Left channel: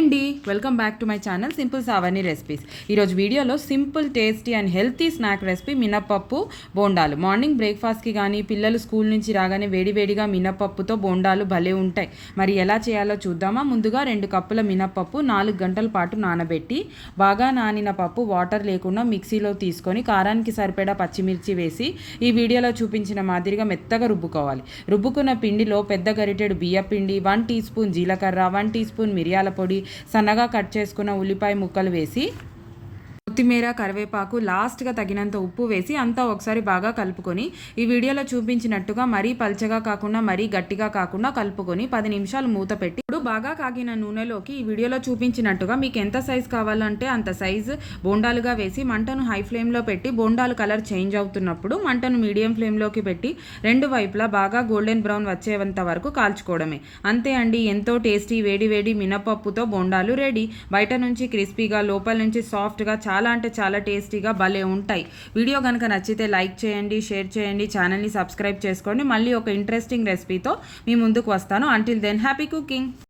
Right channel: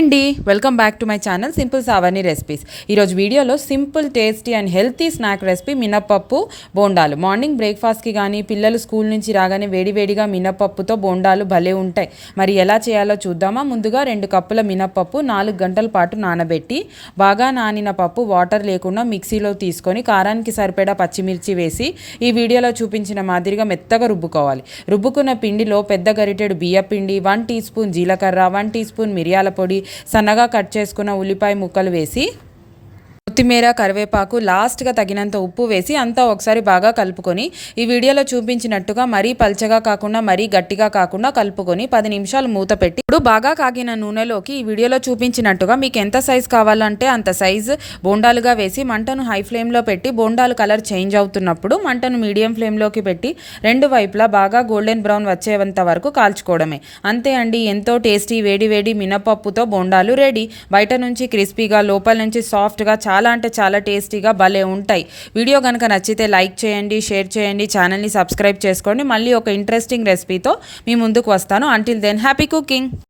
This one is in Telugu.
అండి welcome back to my channel simple సావర్ని recipes ఈరోజు వీడియోలో simple tasty and healthy snack recipe మినప్పప్పు బోండాలు. మార్నింగ్ బ్రేక్ఫాస్ట్కి కానీ పిల్లలు స్కూల్ నుంచి రాగానే వేడివేడిగా మినప్పప్పుతో బోండాలు భలే ఉంటాయి. మరి ఎలా చేయాలో చూద్దామా? ముందుగా రెండు కప్పుల మినప్పప్పు నాలుగు గంటల పాటు నానబెట్టి బాగా నానిన పప్పు వాటర్ లేకుండా మిక్సీలో తీసుకొని కారానికి సరిపడా పచ్చిమిర్చి వేసి ఈ వీడియోలో చూపించిన మాదిరిగా మెత్తగా రుబ్బుకోవాలి. రుబ్బుకున్న పిండిలో పెద్ద గరిటెడు బియ్య పిండి వన్ టీ స్పూన్ జీలకర్ర వన్ టీ స్పూన్ మిరియాల పొడి సన్నగా కట్ చేసుకున్న ఉల్లిపాయ ముక్కలు వేసి కొత్తిమీర కరివేపాకు లాస్ట్గా తగినంత ఉప్పు వేసి అంతా ఒకసారి బాగా కలుపుకొని ఈ వీడియోలో చూపించినట్టుగా మరీ పల్చగా కాకుండా మరీ గట్టిగా కాకుండా కలుపుకొని పది నిమిషాలు మూత పెట్టి ఇప్పుడు బాగా కాగిన నూనెలోకి ఈ వీడియోలో చూపించినట్టుగా మీకు ఎంత సైజ్ కావాలంటే అంత సైజు బోండాలుగా వేసి మంటను హై ఫ్లేమ్లో పెట్టి బోండాలు కలర్ చేంజ్ అవుతున్నప్పుడు మంటను మీడియం ఫ్లేమ్లోకి పెట్టి రెండు వైపులా బాగా గోల్డెన్ బ్రౌన్ వచ్చేంత వరకు కాల్చుకోవడమే. అంతే అండి ఎంతో టేస్టీ వేడి వేడి మినపప్పుతో బోండాలు రెడీ. బయట నుంచి క్రిస్పీగా లోపల నుంచి సాఫ్ట్గా చాలా చాలా అంటే చాలా టేస్టీగా భలే ఉంటాయి. వీడియో కనుక నచ్చితే లైక్ చేయండి షేర్ చేయండి ఛానల్ని సబ్స్క్రైబ్ చేసుకోండి. మళ్ళీ ఒక ఇంట్రెస్టింగ్ రెసిపీతో మీ ముందుకు వస్తాను. Until then happy cooking